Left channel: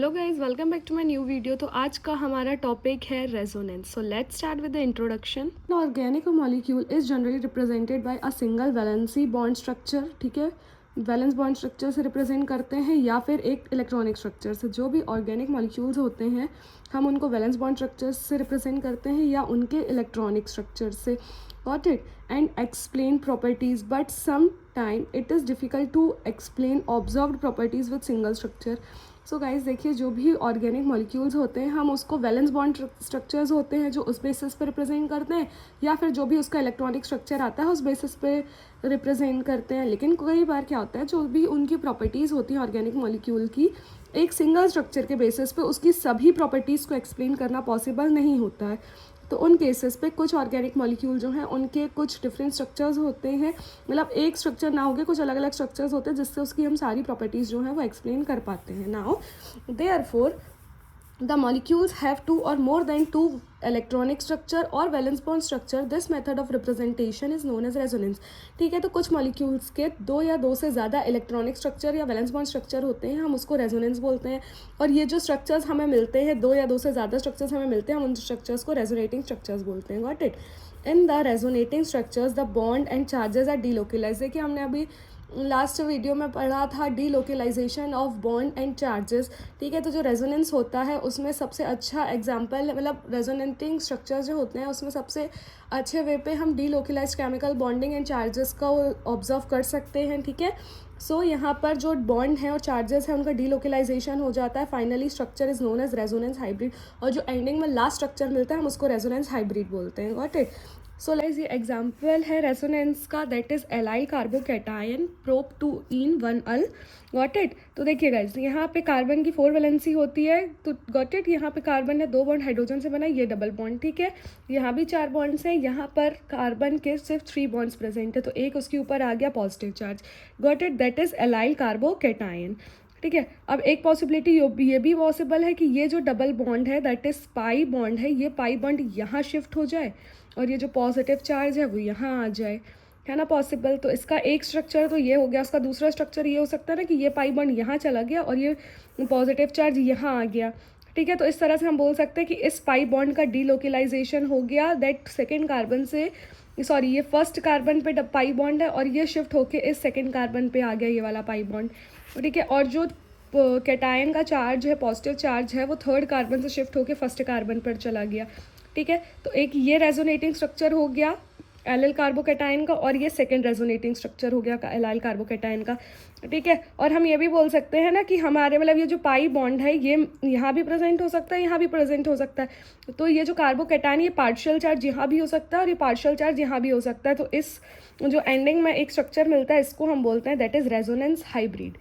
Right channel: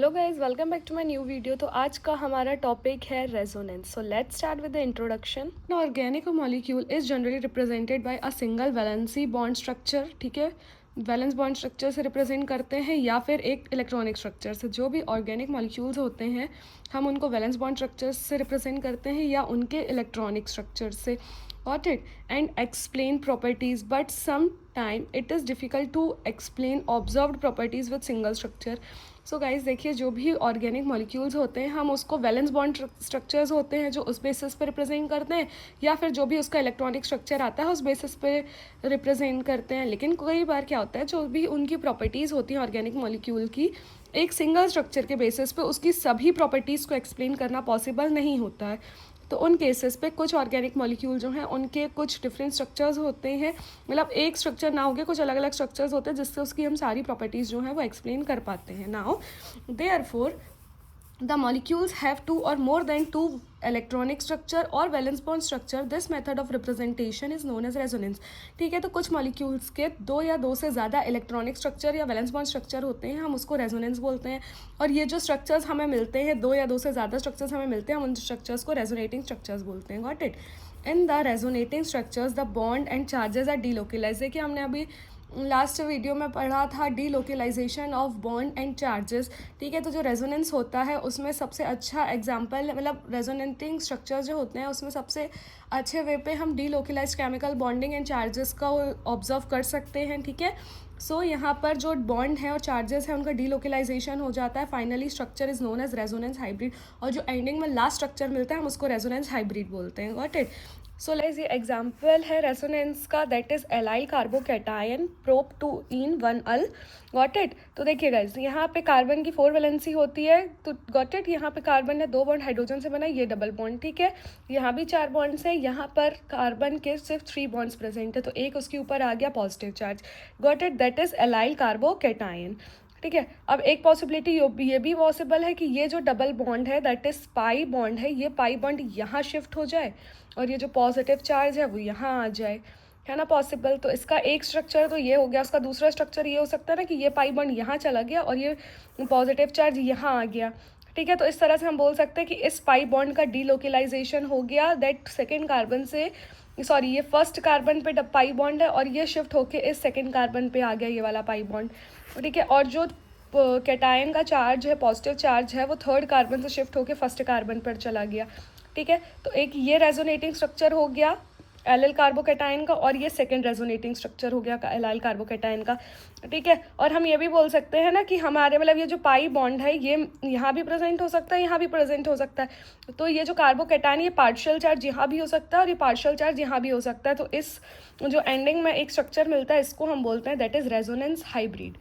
Hello guys, welcome back to my new video. तो आज का हमारा टॉपिक है resonance. So let's start with the introduction. Organic molecule is generally represented by a single valency bond structure. ठीक है, valence bond structure से represent करते हैं या फिर एक इलेक्ट्रॉनिक स्ट्रक्चर से। जो भी ऑर्गेनिक मॉलिक्यूल्स होते हैं हम उनको वैलेंस बॉन्ड स्ट्रक्चर से रिप्रेजेंट करते हैं या उनके इलेक्ट्रॉनिक स्ट्रक्चर से। Got it? And explain properties, but sometime it is difficult to explain observed properties with single structure. So guys देखिए, जो भी ऑर्गेनिक मॉलिक्यूल्स होते हैं हम उसको वैलेंस बॉन्ड स्ट्रक्चर्स होते हैं जो उस बेसिस पे रिप्रेजेंट करते हैं, या फिर जो भी उसका इलेक्ट्रॉनिक स्ट्रक्चर आता है उस बेसिस पे रिप्रेजेंट करते हैं। लेकिन कई बार क्या होता है, जो भी उनकी प्रॉपर्टीज़ होती हैं ऑर्गेनिक मॉलिक्यूल की, एक सिंगल स्ट्रक्चर के बेसिस पे उसकी सभी प्रॉपर्टीज़ को एक्सप्लेन करना पॉसिबल नहीं होता है। तो उन केसेस पे कुछ ऑर्गेनिक मॉलिक्यूल जो हैं उनके कुछ डिफरेंट स्ट्रक्चर्स होते हैं, मतलब एक स्ट्रक्चर ना होके कुछ अलग अलग स्ट्रक्चर्स होते हैं जिससे उसकी हम सारी प्रॉपर्टीज़ जो हैं वो एक्सप्लेन कर पाते हैं। Now therefore the molecules have two or more than two electronic structure or valence bond structure. This method of representation is known as resonance. ठीक है, तो कुछ मॉलिक्यूल्स के दो या दो से ज़्यादा इलेक्ट्रॉनिक स्ट्रक्चर या वैलेंस बॉन्ड स्ट्रक्चर होते हैं, हम उसको रेजोनेंस बोलते हैं। और ये जो स्ट्रक्चर्स हमें मिलते हैं, दो या दो से ज़्यादा स्ट्रक्चर्स हमें मिलते हैं, हम उन स्ट्रक्चर्स को रेजोनेटिंग स्ट्रक्चर्स बोलते हैं। Got it? In the resonating structures the bond and charges are delocalise. देखिए, हमने अभी लास्ट वीडियो में पढ़ा था delocalisation of bond and charges. ठीक है, तो जो रेजोनेंस होता है उसमें सबसे अच्छा एग्जांपल, मतलब रेजोनेटिंग स्ट्रक्चर्स जो होते हैं उसमें सबसे अच्छे वे पे हम delocalise chemical bonding and charges का ऑब्जर्व कर सकते हैं। ठीक है, सो यहाँ पर जो बॉन्ड है और चार्जेस है उनका डीलोकलाइजेशन हो जाता है। Finally structure is known as resonance hybrid, और जो एंडिंग में लास्ट स्ट्रक्चर मिलता है हम उसको रेजोनेंस हाइब्रिड बोलते हैं। Got it? सो लाइज ये एग्जाम्पल है रेजोनेंस का, that is allyl carbocation prop 2 en 1 yl. Got it? तो देखिए गाइज, यहाँ पे कार्बन की 4 वैलेंसी होती है, तो गॉट इट, यहाँ पे कार्बन ने 2 बॉन्ड हाइड्रोजन से बना, ये डबल बॉन्ड। ठीक है, यहाँ भी 4 बॉन्ड्स हैं, यहाँ पर कार्बन के सिर्फ 3 बॉन्ड्स प्रेजेंट है, तो एक उसके ऊपर आ गया positive charge. Got it? That is allyl carbocation. ठीक है, अब एक पॉसिबिलिटी ये भी पॉसिबल है कि ये जो डबल बॉन्ड है दैट इज पाई बॉन्ड है, ये पाई बॉन्ड यहाँ शिफ्ट हो जाए और ये जो पॉजिटिव चार्ज है वो यहाँ आ जाए, है ना पॉसिबल। तो इसका एक स्ट्रक्चर तो ये हो गया, उसका दूसरा स्ट्रक्चर ये हो सकता है ना कि ये पाई बॉन्ड यहाँ चला गया और ये पॉजिटिव चार्ज यहाँ आ गया। ठीक है, तो इस तरह से हम बोल सकते हैं कि इस पाई बॉन्ड का डीलोकलाइजेशन हो गया, दैट सेकेंड कार्बन से, सॉरी ये फर्स्ट कार्बन पे पाई बॉन्ड है और ये शिफ्ट होके इस सेकेंड कार्बन पे आ गया ये वाला पाई बॉन्ड। ठीक है, और जो कैटायन का चार्ज है, पॉजिटिव चार्ज है, वो थर्ड कार्बन से शिफ्ट होके फर्स्ट कार्बन पर चला गया। ठीक है, तो एक ये रेजोनेटिंग स्ट्रक्चर हो गया एल कार्बोकैटायन का, और ये सेकेंड रेजोनेटिंग स्ट्रक्चर हो गया एल कार्बोकैटायन का। ठीक है, और हम ये भी बोल सकते हैं ना कि हमारे मतलब ये जो पाई बॉन्ड है ये यहाँ भी प्रेजेंट हो सकता है, यहाँ भी प्रेजेंट हो सकता है। तो ये जो कार्बोकैटायन, ये पार्शियल चार्ज यहाँ भी हो सकता है और ये पार्शियल चार्ज यहाँ भी हो सकता है। तो इस जो एंडिंग में एक स्ट्रक्चर मिलता है इसको हम बोलते हैं that is resonance hybrid.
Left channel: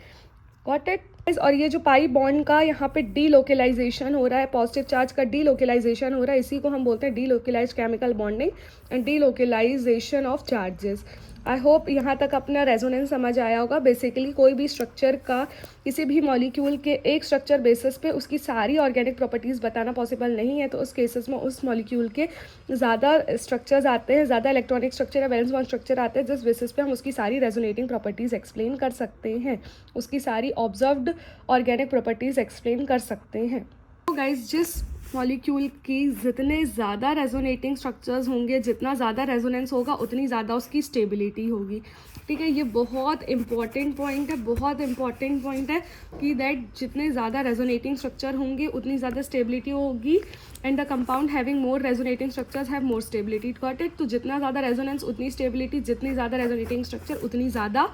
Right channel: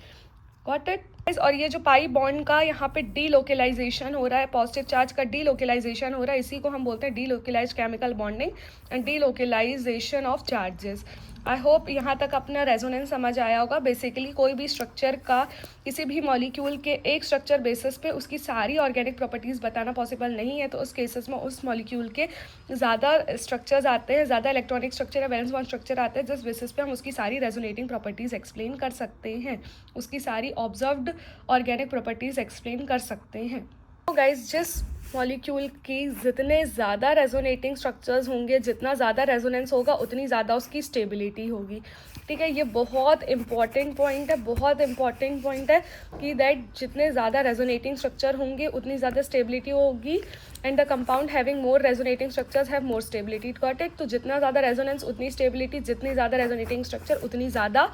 Got it? और ये जो पाई बॉन्ड का यहाँ पे डीलोकलाइजेशन हो रहा है, पॉजिटिव चार्ज का डीलोकलाइजेशन हो रहा है, इसी को हम बोलते हैं delocalised chemical bonding and delocalisation of charges. I hope यहाँ तक अपना रेजोनेंस समझ आया होगा। बेसिकली कोई भी स्ट्रक्चर का, किसी भी मॉलिक्यूल के एक स्ट्रक्चर बेसिस पे उसकी सारी ऑर्गेनिक प्रॉपर्टीज़ बताना पॉसिबल नहीं है, तो उस केसेस में उस मॉलिक्यूल के ज़्यादा स्ट्रक्चर्स आते हैं, ज़्यादा इलेक्ट्रॉनिक स्ट्रक्चर या वैलेंस बॉन्ड स्ट्रक्चर आते हैं, जिस बेसिस पे हम उसकी सारी रेजोनेटिंग प्रॉपर्टीज़ एक्सप्लेन कर सकते हैं, उसकी सारी ऑब्जर्व्ड ऑर्गेनिक प्रॉपर्टीज़ एक्सप्लेन कर सकते हैं। तो गाइज, जिस मॉलिक्यूल की जितने ज़्यादा रेजोनेटिंग स्ट्रक्चर्स होंगे, जितना ज़्यादा रेजोनेंस होगा उतनी ज़्यादा उसकी स्टेबिलिटी होगी। ठीक है, ये बहुत इंपॉर्टेंट पॉइंट है, बहुत इंपॉर्टेंट पॉइंट है कि दैट जितने ज़्यादा रेजोनेटिंग स्ट्रक्चर होंगे उतनी ज़्यादा स्टेबिलिटी होगी, and the compound having more resonating structures have more stability. Got it? तो जितना ज़्यादा रेजोनेंस उतनी स्टेबिलिटी, जितनी ज़्यादा रेजोनेटिंग स्ट्रक्चर उतनी ज़्यादा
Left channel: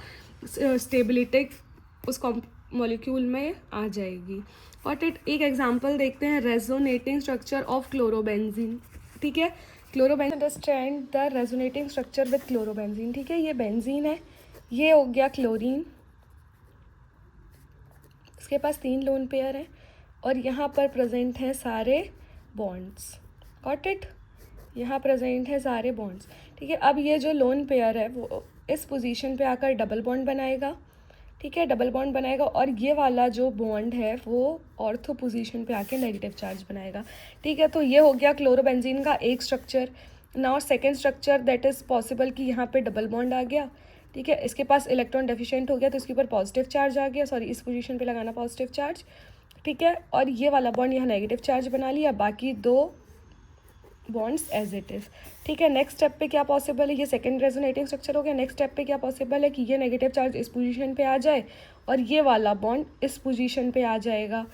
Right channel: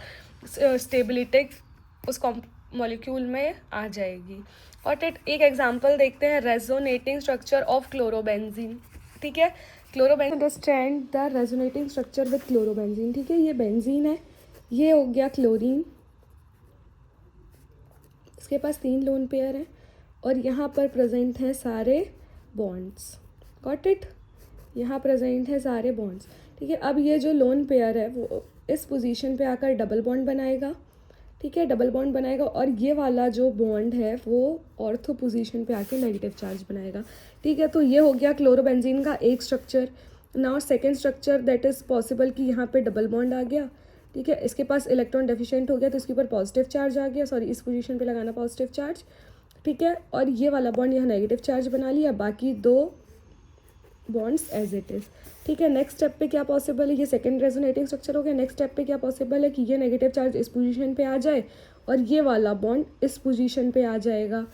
स्टेबिलिटी उस मॉलिक्यूल में आ जाएगी। और एक एग्जांपल देखते हैं, रेजोनेटिंग स्ट्रक्चर ऑफ क्लोरोबेंजीन। ठीक है, chlorobenzene, understand the resonating structure with chlorobenzene. ठीक है, ये बेंजीन है, ये हो गया क्लोरीन, इसके पास 3 लोन पेयर हैं और यहाँ पर प्रेजेंट हैं सारे बॉन्ड्स। Got it? यहाँ प्रेजेंट है सारे बॉन्ड्स। ठीक है, अब ये जो लोन पेयर है वो इस पोजीशन पे आकर डबल बॉन्ड बनाएगा। ठीक है, डबल बॉन्ड बनाएगा और ये वाला जो बॉन्ड है वो ऑर्थो पोजीशन पे आके नेगेटिव चार्ज बनाएगा। ठीक है, तो ये हो गया क्लोरोबेंजीन का एक structure. Now second structure that is possible कि यहाँ पे डबल बॉन्ड आ गया। ठीक है, इसके पास इलेक्ट्रॉन डेफिशिएंट हो गया तो इसके ऊपर पॉजिटिव चार्ज आ गया, सॉरी इस पोजीशन पे लगाना पॉजिटिव चार्ज। ठीक है, और ये वाला बॉन्ड यहाँ नेगेटिव चार्ज बना लिया, बाकी दो बॉन्ड्स एज इट इज़। ठीक है, नेक्स्ट स्टेप पे क्या पॉसिबल है, ये सेकंड रेजोनेटिंग स्ट्रक्चर हो गया। नेक्स्ट स्टेप पे क्या पॉसिबल है कि ये नेगेटिव चार्ज इस पोजीशन पे आ जाए और ये वाला बॉन्ड इस पोजीशन पे आ जाएगा।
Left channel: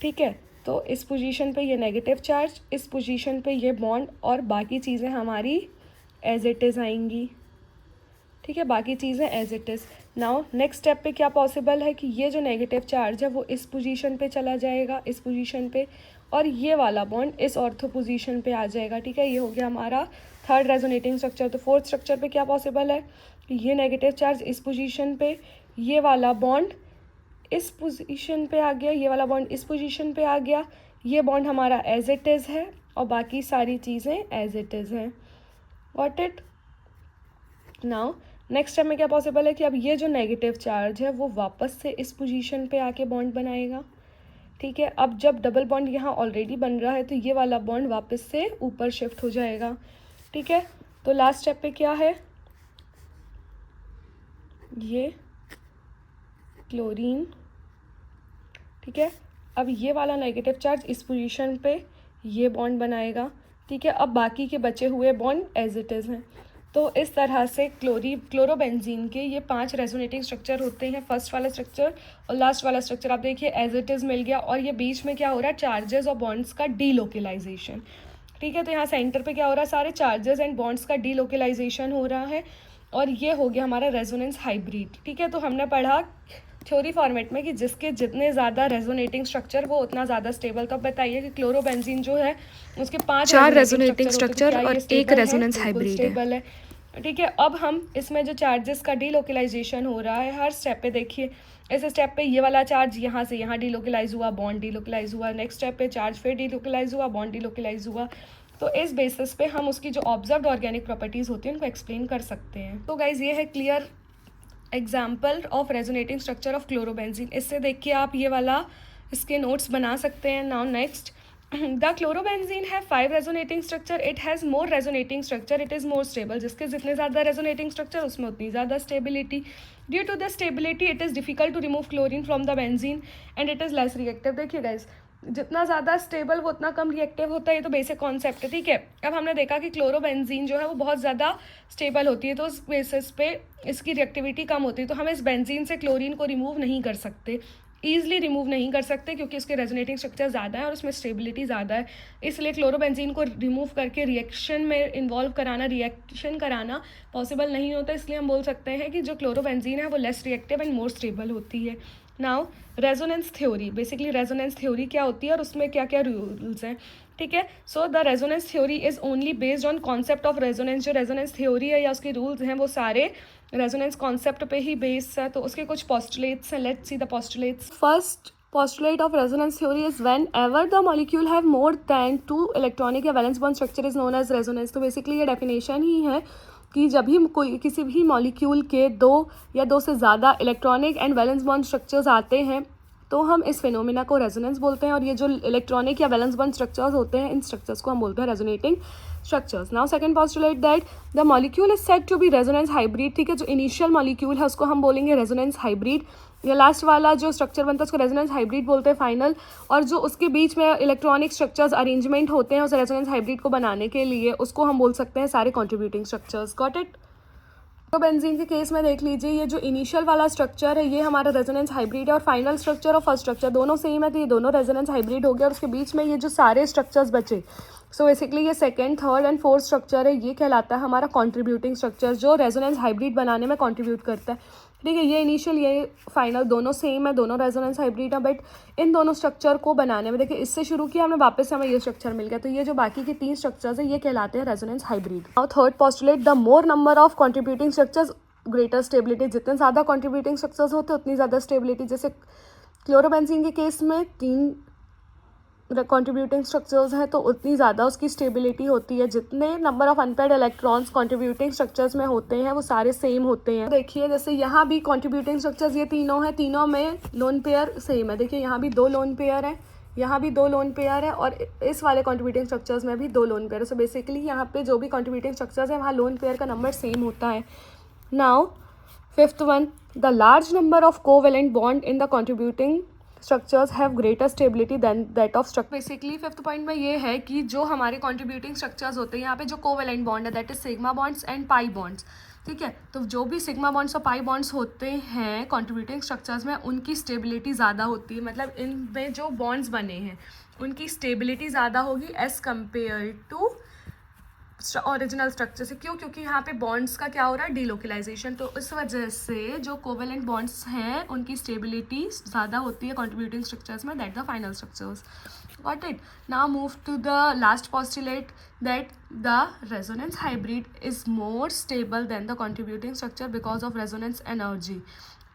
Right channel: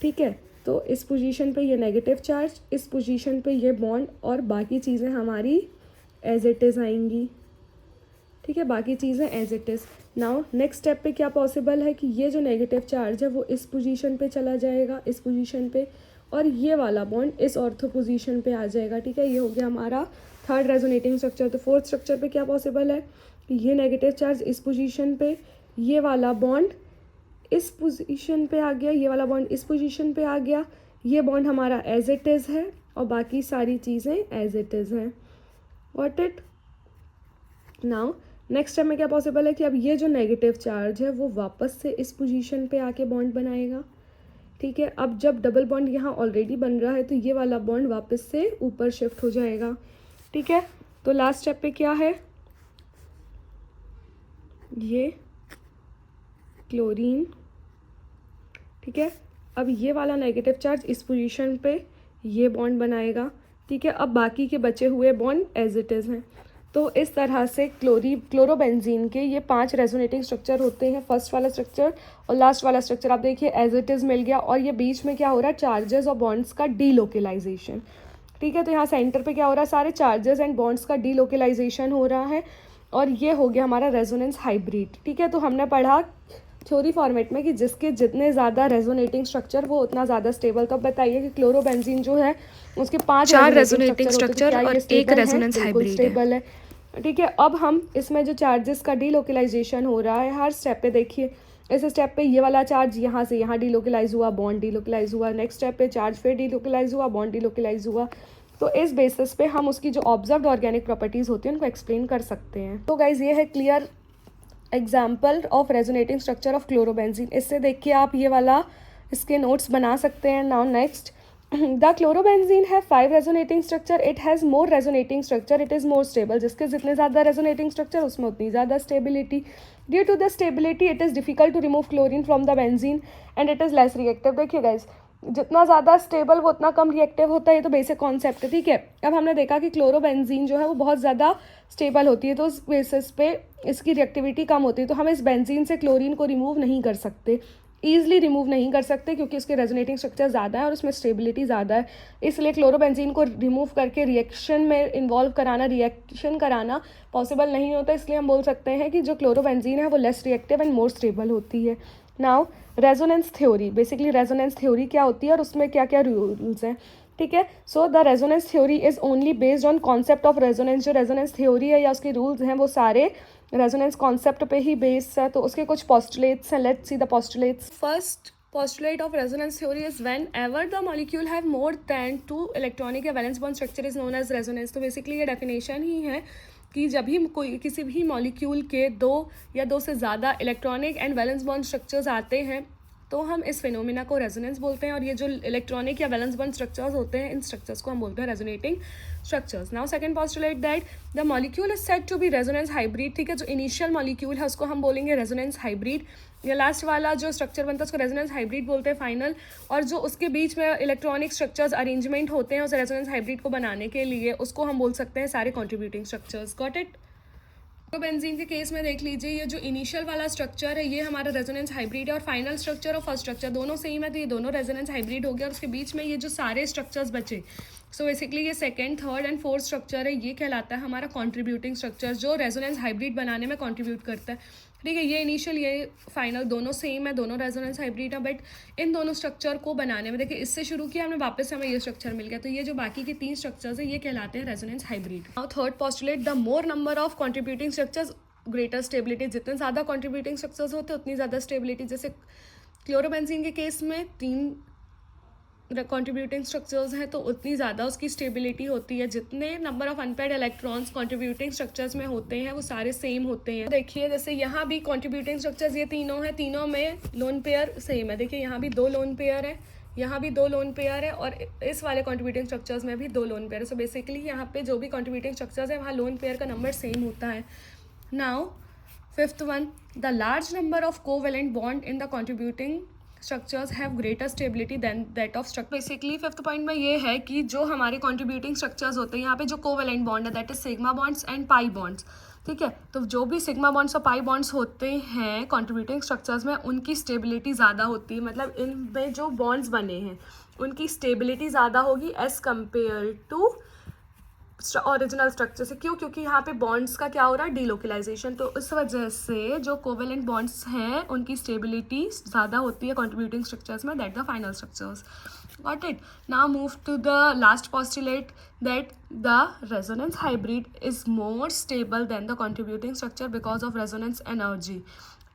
ठीक है, तो इस पोजीशन पे ये नेगेटिव चार्ज, इस पोजीशन पे ये बॉन्ड, और बाकी चीज़ें हमारी एज इट इज़ आएंगी। ठीक है, बाकी चीज़ें as it is. Now next step पे क्या पॉसिबल है कि ये जो नेगेटिव चार्ज है वो इस पोजीशन पे चला जाएगा, इस पोजीशन पे, और ये वाला बॉन्ड इस ऑर्थो पोजीशन पे आ जाएगा। ठीक है, ये हो गया हमारा थर्ड रेजोनेटिंग स्ट्रक्चर। तो फोर्थ स्ट्रक्चर पे क्या पॉसिबल है कि ये नेगेटिव चार्ज इस पोजीशन पे, ये वाला बॉन्ड इस पोजीशन पे आ गया, ये वाला बॉन्ड इस पोजीशन पे आ गया, ये बॉन्ड हमारा एज इट इज़ है और बाकी सारी चीज़ें एज इट इज़ हैं। Got it? Now next step में क्या पॉसिबल है कि अब ये जो नेगेटिव चार्ज है वो वापस से इस पोजीशन पे आके बॉन्ड बनाएगा। ठीक है, अब जब डबल बॉन्ड यहाँ ऑलरेडी बन रहा है तो ये वाला बॉन्ड वापस से ऊपर शिफ्ट हो जाएगा। ठीक है, तो लास्ट स्टेप पे क्या है, ये क्लोरीन। ठीक है, अब ये वाला नेगेटिव चार्ज इस पोजीशन पे ये बॉन्ड बनाएगा। ठीक है, अब बाकी के बचे हुए बॉन्ड एज इट इज़ हैं। तो इस तरह से क्लोरोबेंजीन के ये 5 रेजोनेटिंग स्ट्रक्चर होते हैं। फर्स्ट वाला स्ट्रक्चर और लास्ट वाला स्ट्रक्चर आप देखिए एज इट इज़ मिल गया, और ये बीच में क्या हो रहा है, चार्जेस और बॉन्ड्स का डीलोकलाइजेशन। ठीक है, तो यहाँ सेंटर पे क्या हो रहा है, सारे चार्जेस एंड बॉन्ड्स का डीलोकलाइजेशन हो रहा है, और ये हो गया हमारा रेजोनेंस हाइब्रिड। ठीक है, तो हमने पढ़ा थ्योरी फॉर्मेट में कि जिसके जितने ज़्यादा रेजोनेटिंग स्ट्रक्चर वो उतना ज़्यादा स्टेबल। तो बताइए कि क्लोरोबेंजीन जो है उसके 4 रेजोनेटिंग स्ट्रक्चर और एक रेजोनेंस हाइब्रिड है। ठीक है, अब हम इसमें जो चार्जेस का डीलोकलाइजेशन हो रहा है हर स्टेप पे देखिए, इस स्टेप पे ये वाला चार्ज यहाँ से यहाँ डीलोकलाइज हुआ, बॉन्ड डीलोकलाइज हुआ, नेक्स्ट स्टेप पे चार्ज फिर डीलोकलाइज हुआ, बॉन्ड डीलोकलाइज हुआ। तो इस बेसिस पे हम उसकी जो ऑब्जर्व्ड ऑर्गेनिक प्रॉपर्टीज़ होती हैं उनको एक्सप्लेन कर सकते हैं। तो गाइज ये है clear example of resonating structure of chlorobenzene. इससे देखिए आप ये वाला इसके नोट्स बना सकते हैं। नाउ नेक्स्ट, द क्लोरोबेंजीन है 5 resonating structure, it has more resonating structure, it is more stable. जिसके जितने ज़्यादा रेजोनेटिंग स्ट्रक्चर उसमें उतनी ज़्यादा stability. Due to the stability it is difficult to remove chlorine from the benzene and it is less reactive. देखिए guys, जितना ज़्यादा stable वो उतना कम रिएक्टिव होता है, ये तो बेसिक कॉन्सेप्ट है। ठीक है, अब हमने देखा कि क्लोरोबेंजीन जो है वो बहुत ज़्यादा स्टेबल होती है, तो उस बेसिस पे इसकी रिएक्टिविटी कम होती है, तो हम इस बेंजीन से क्लोरीन को रिमूव नहीं कर सकते, ईजिली रिमूव नहीं कर सकते, क्योंकि इसके रेजोनेटिंग स्ट्रक्चर ज़्यादा है और उसमें स्टेबिलिटी ज़्यादा है। इसलिए क्लोरोबेंजीन को रिमूव करके रिएक्शन में इन्वॉल्व कराना, रिएक्शन कराना पॉसिबल नहीं होता। इसलिए हम बोल सकते हैं कि जो क्लोरोबेंजीन है वो less reactive and more stable होती है। Now resonance theory, basically resonance theory क्या होती है और उसमें क्या क्या रूल्स हैं। ठीक है, so the resonance theory is only based on concept of resonance. जो रेजोनेंस थ्योरी है या उसके रूल्स हैं वो सारे रेजोनेंस कॉन्सेप्ट पे ही बेस्ड है। तो उसके कुछ पोस्टुलेट्स हैं, let's see the postulates. First postulate of resonance theory is whenever the molecule have more than 2 electronic या valence bond structure is known as resonance। तो बेसिकली ये डेफिनेशन ही है कि जब भी कोई किसी भी मॉलिक्यूल के 2 या 2 से ज़्यादा electronic and valence bond structures आते हैं तो हम इस फिनोमिना को रेजोनेंस बोलते हैं, और ये जो इलेक्ट्रॉनिक या वैलेंस बॉन्ड स्ट्रक्चर्स होते हैं इन स्ट्रक्चर्स को हम बोलते हैं resonating structures. Now second postulate that the molecule is said to be resonance hybrid. ठीक है, जो इनिशियल मॉलिक्यूल है उसको हम बोलेंगे रेजोनेंस हाइब्रिड, या लास्ट वाला जो स्ट्रक्चर बनता है उसको रेजोनेंस हाइब्रिड बोलते हैं फाइनल, और जो उसके बीच में इलेक्ट्रॉनिक स्ट्रक्चर्स अरेंजमेंट होते हैं उस रेजोनेंस हाइब्रिड को बनाने के लिए उसको हम बोल सकते हैं सारे कॉन्ट्रीब्यूटिंग स्ट्रक्चर्स। Got it? तो बेंजीन के केस में देख लीजिए, ये जो इनिशियल वाला स्ट्रक्चर है ये हमारा रेजोनेंस हाइब्रिड है, और फाइनल स्ट्रक्चर और फर्स्ट स्ट्रक्चर दोनों सेम है, तो ये दोनों रेजोनेंस हाइब्रिड हो गया, और उसके बीच में ये जो सारे स्ट्रक्चर्स बचे, सो बेसिकली ये second, third and fourth structure है, ये कहलाता है हमारा कॉन्ट्रीब्यूटिंग स्ट्रक्चर जो रेजोनेंस हाइब्रिड बनाने में कॉन्ट्रीब्यूट करता है। ठीक है, ये इनिशियल ये फाइनल दोनों सेम है, दोनों रेजोनेंस हाइब्रिड है, बट इन दोनों स्ट्रक्चर को बनाने में देखिए इससे शुरू किया हमने, वापस से हमें ये स्ट्रक्चर मिल गया, तो ये जो बाकी के 3 स्ट्रक्चर्स है ये कहलाते हैं रेजोनेंस हाइब्रिड। और third postulate, the more number of contributing structures greater stability. जितने ज़्यादा कॉन्ट्रीब्यूटिंग स्ट्रक्चर्स होते हैं उतनी ज़्यादा स्टेबिलिटी। जैसे क्लोरोबेंजीन के केस में 3 कॉन्ट्रीब्यूटिंग स्ट्रक्चर्स हैं तो उतनी ज़्यादा उसकी स्टेबिलिटी होती है। जितने number of unpaired electrons contributing structures में होते हैं वो सारे सेम होते हैं। देखिए जैसे यहाँ भी कॉन्ट्रीब्यूटिंग स्ट्रक्चर्स ये तीनों हैं, तीनों में लोन पेयर सेम है। देखिए यहाँ भी 2 लोन पेयर है, यहाँ भी 2 लोन पेयर है, और इस वाले कॉन्ट्रीब्यूटिंग स्ट्रक्चर्स में भी 2 लोन पेयर है। सो बेसिकली यहाँ पे जो भी कॉन्ट्रीब्यूटिंग स्ट्रक्चर्स हैं वहाँ लोन पेयर का नंबर सेम होता है। Now fifth one, the large number of covalent bond in the contributing structures have greater stability than that of structure. Basically fifth point में ये है कि जो हमारे कॉन्ट्रीब्यूटिंग स्ट्रक्चर्स होते हैं यहाँ पे जो कोवेलेंट बॉन्ड है that is sigma bonds and pi bonds, ठीक है। तो जो भी सिग्मा बॉन्ड्स और पाई बॉन्ड्स होते हैं कॉन्ट्रीब्यूटिंग स्ट्रक्चर्स में, उनकी स्टेबिलिटी ज़्यादा होती है, मतलब इनमें जो बॉन्ड्स बने हैं उनकी स्टेबिलिटी ज़्यादा होगी as compare to original structure से। क्यों? क्योंकि यहाँ पे बॉन्ड्स का क्या हो रहा है, डिलोकलाइजेशन। तो इस वजह से जो कोवेलेंट बॉन्ड्स हैं उनकी स्टेबिलिटी ज़्यादा होती है कॉन्ट्रीब्यूटिंग स्ट्रक्चर्स में that the final structures. Got it? Now move to the last postulate that the resonance hybrid is more stable than the contributing structure because of resonance energy,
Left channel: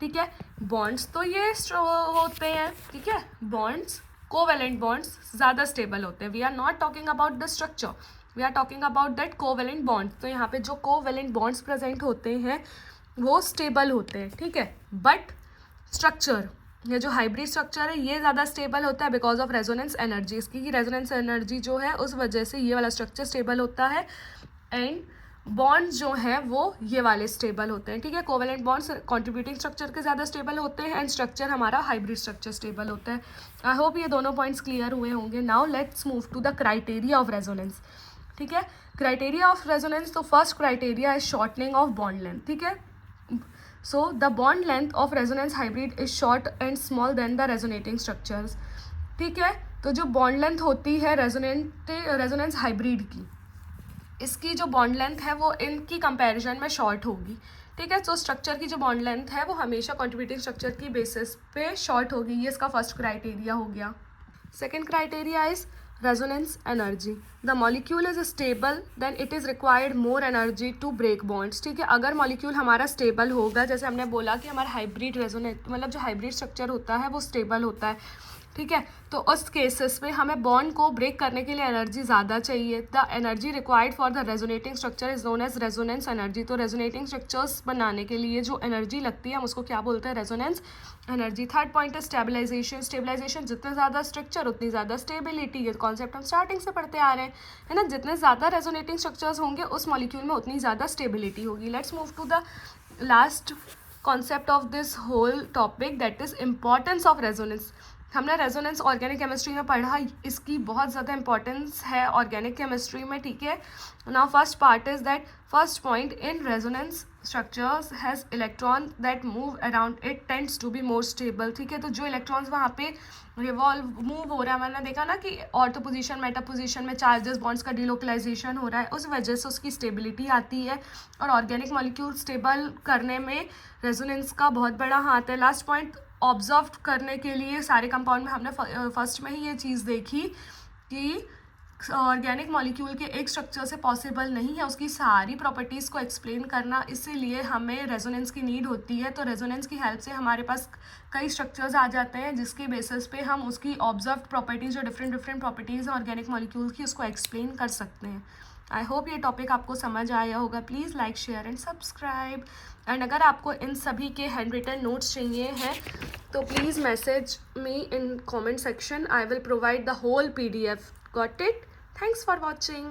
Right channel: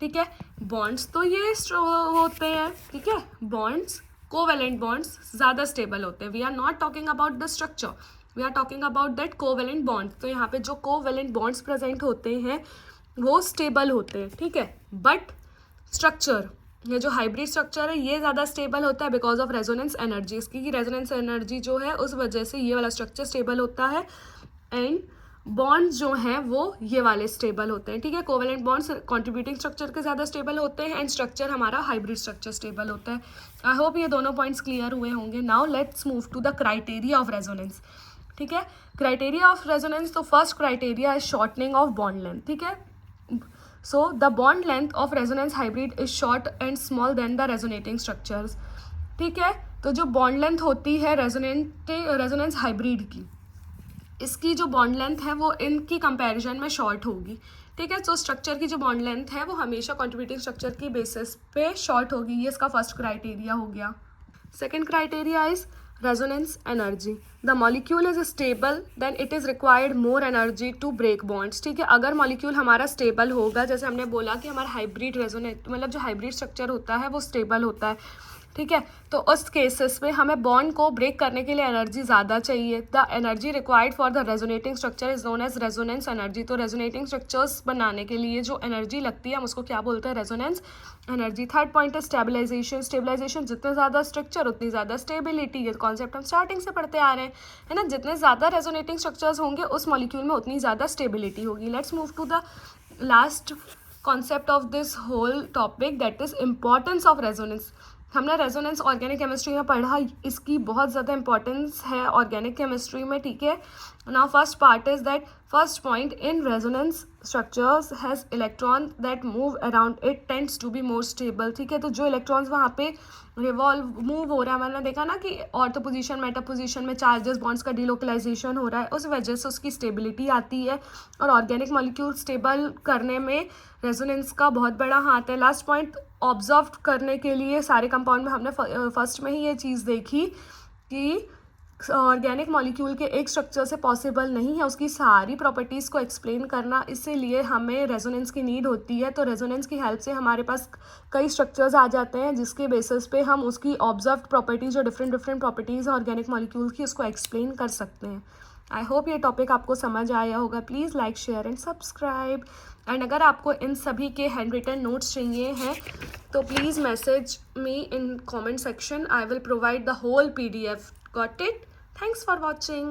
ठीक है। Bonds तो ये होते हैं, ठीक है, बॉन्ड्स कोवेलेंट बॉन्ड्स ज़्यादा stable होते हैं। We are not talking about the structure, we are talking about that covalent bonds. तो यहाँ पे जो कोवेलेंट बॉन्ड्स प्रेजेंट होते हैं वो स्टेबल होते हैं, ठीक है। बट स्ट्रक्चर, ये जो हाइब्रिड स्ट्रक्चर है ये ज़्यादा स्टेबल होता है बिकॉज ऑफ रेजोनेंस एनर्जी। इसकी रेजोनेंस एनर्जी जो है उस वजह से ये वाला स्ट्रक्चर स्टेबल होता है एंड बॉन्ड्स जो हैं वो ये वाले स्टेबल होते हैं, ठीक है। कोवेलेंट बॉन्ड्स कॉन्ट्रीब्यूटिंग स्ट्रक्चर के ज़्यादा स्टेबल होते हैं एंड स्ट्रक्चर हमारा हाइब्रिड स्ट्रक्चर स्टेबल होता है। आई होप ये दोनों पॉइंट्स क्लियर हुए होंगे। Now let's move to the criteria of resonance, ठीक है। क्राइटेरिया ऑफ रेजोनेंस, तो first criteria is shortening of bond length, ठीक है। So the bond length of resonance hybrid is short and small than the resonating structures, ठीक है। तो जो bond length होती है रेजोनेंस हाइब्रिड की, इसकी जो बॉन्ड लेंथ है वो इनकी कंपैरिजन में शॉर्ट होगी, ठीक है। तो स्ट्रक्चर की जो बॉन्ड लेंथ है वो हमेशा कॉन्ट्रीब्यूटिंग स्ट्रक्चर की बेसिस पे शॉर्ट होगी, ये इसका फर्स्ट क्राइटेरिया हो गया। Second criteria is resonance energy. The molecule is stable then it is required more energy to break bonds, ठीक है। अगर मॉलिक्यूल हमारा स्टेबल होगा, जैसे हमने बोला कि हमारा हाइब्रिड रेजोनेट मतलब जो हाइब्रिड स्ट्रक्चर होता है वो स्टेबल होता है, ठीक है। तो उस केसेस में हमें बॉन्ड को ब्रेक करने के लिए एनर्जी ज़्यादा चाहिए। The energy required for the resonating structure is known as resonance energy. तो रेजोनेटिंग स्ट्रक्चर्स बनाने के लिए जो एनर्जी लगती है हम उसको क्या बोलते हैं, रेजोनेंस एनर्जी। थर्ड पॉइंट है स्टेबलाइजेशन। स्टेबलाइजेशन, जितने ज़्यादा स्ट्रक्चर उतनी ज़्यादा स्टेबिलिटी। ये कॉन्सेप्ट हम स्टार्टिंग से पढ़ते आ रहे हैं, है ना। जितने ज़्यादा रेजोनेटिंग स्ट्रक्चर्स होंगे उस मॉलिक्यूल में उतनी ज़्यादा स्टेबिलिटी होगी। Let's move to the last concept of this whole topic that is importance of resonance. हमने रेजोनेंस ऑर्गेनिक केमिस्ट्री में पढ़ा, इसकी बहुत ज़्यादा इंपॉर्टेंस है ऑर्गेनिक केमिस्ट्री में, ठीक है। Now first part is that first point in resonance structures has electron that move around it tends to be more stable, ठीक है। तो जो इलेक्ट्रॉन्स वहाँ पे रिवॉल्व मूव हो रहा है, मैंने देखा ना कि ऑर्थो पोजीशन मेटा पोजीशन में चार्जेस बॉन्ड्स का डिलोकलाइजेशन हो रहा है, उस वजह से उसकी स्टेबिलिटी आती है। और ऑर्गेनिक मॉलिक्यूल स्टेबल करने में रेजोनेंस का बहुत बड़ा हाथ है। लास्ट पॉइंट, ऑब्जर्व करने के लिए सारे कंपाउंड में हमने फर्स्ट में ही ये चीज़ देखी कि ऑर्गेनिक मॉलिक्यूल के एक स्ट्रक्चर से पॉसिबल नहीं है उसकी सारी प्रॉपर्टीज़ को एक्सप्लेन करना, इसीलिए हमें रेजोनेंस की नीड होती है। तो रेजोनेंस की हेल्प से हमारे पास कई स्ट्रक्चर्स आ जाते हैं जिसके बेसिस पे हम उसकी ऑब्जर्व्ड प्रॉपर्टीज़, जो डिफरेंट प्रॉपर्टीज़ हैं ऑर्गेनिक मॉलिक्यूल की, उसको एक्सप्लेन कर सकते हैं। आई होप ये टॉपिक आपको समझ आया होगा। Please like, share and subscribe. And अगर आपको इन सभी के हैंड रिटन नोट्स चाहिए हैं तो please message me in comment section, I will provide the whole PDF. Got it? Thanks for watching.